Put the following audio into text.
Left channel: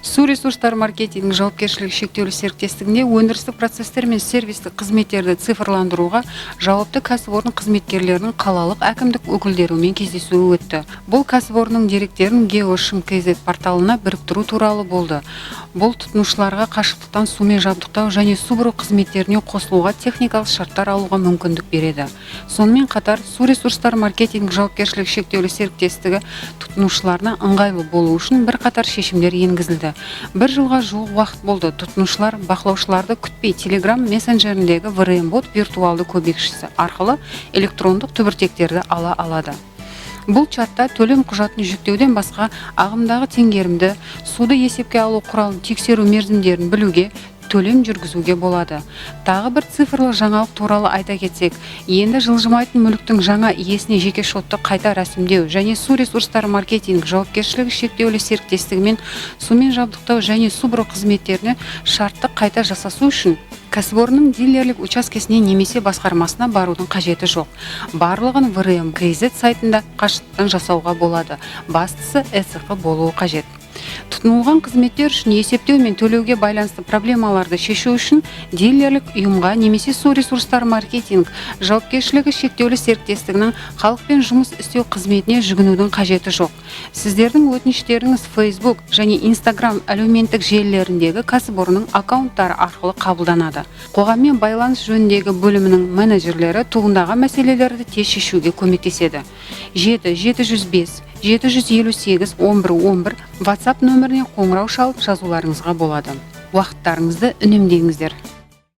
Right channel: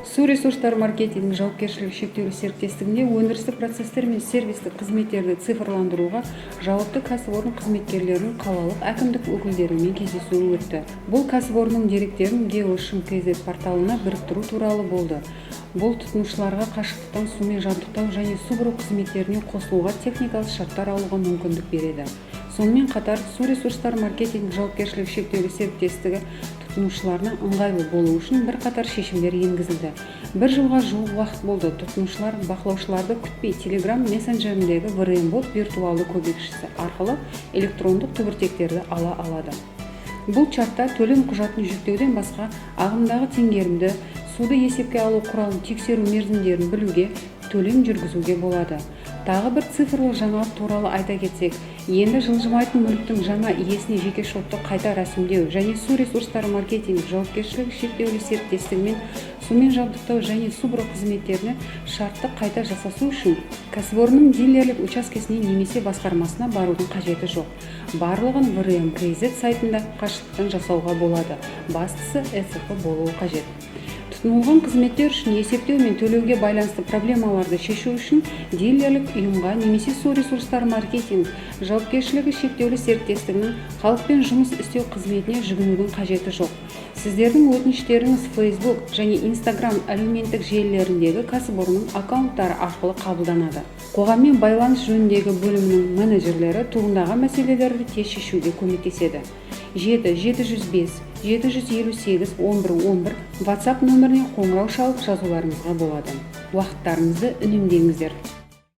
Су ресурстар маркетинг жауапкершілігі шектеулі серіктестігінде өндірістік процестер мен сервистік қызметтерді цифрландыруға жауапты кәсіпорын қызметкерлерінің қалалық әкімдік өкілдерімен кездесуі өтті. Бұл кәсіпорынның деректерін Geoshim.kz порталына біріктіру туралы болды. Бұл тұтынушыларға қашықтықтан сумен жабдықтау және су бұру қызметтеріне қосылуға техникалық шарттар алуға мүмкіндік береді. Сонымен қатар, су ресурстар маркетинг жауапкершілігі шектеулі серіктестігі тұтынушыларына ыңғайлы болу үшін бірқатар шешімдер енгізілді. Бір жылға жуық уақыт болды. Тұтынушылар бақылаушыларды күтпей Telegram мессенджеріндегі VRM-бот виртуалды көмекшісі арқылы электрондық түбіртектерді ала алады. Бұл чатта төлем құжатын жүктеуден басқа ағымдағы теңгерімді, суды есепке алу құралын тексеру мерзімдерін білуге, төлем жүргізуге болады. Тағы бір цифрлы жаңалық туралы айта кетсек, енді жылжымайтын мүліктің жаңа иесіне жеке шотты қайта рәсімдеу және су ресурстары маркетинг жауапкершілігі шектеулі серіктестігімен сумен жабдықтау және су бұру қызметтеріне шартты қайта жасасу үшін кәсіпорынның дилерлік учаскесіне немесе басқармасына барудың қажеті жоқ. Барлығын VRM.kz сайтында қашықтан жасауға болады. Бастысы СФ болуы қажет. Тұтынылған қызметтер үшін есептеу мен төлеуге байланысты проблемаларды шешу үшін дилерлік ұйымға немесе су ресурстары маркетинг жауапкершілігі шектеулі серіктестігінің халықпен жұмыс істеу қызметіне жүгінудің қажеті жоқ. Сіздердің өтініштеріңіз Facebook және Instagram әлеуметтік желілеріндегі кәсіпорынның аккаунттары арқылы қабылданады. Қоғаммен байланыс жөніндегі бөлімінің менеджерлері туындаған мәселелерді тез шешуге көмектеседі. 7-758-1111 WhatsApp нөміріне қоңырау шалып жазуларыңызға болады. Уақыттарыңызды үнемдеңіздер.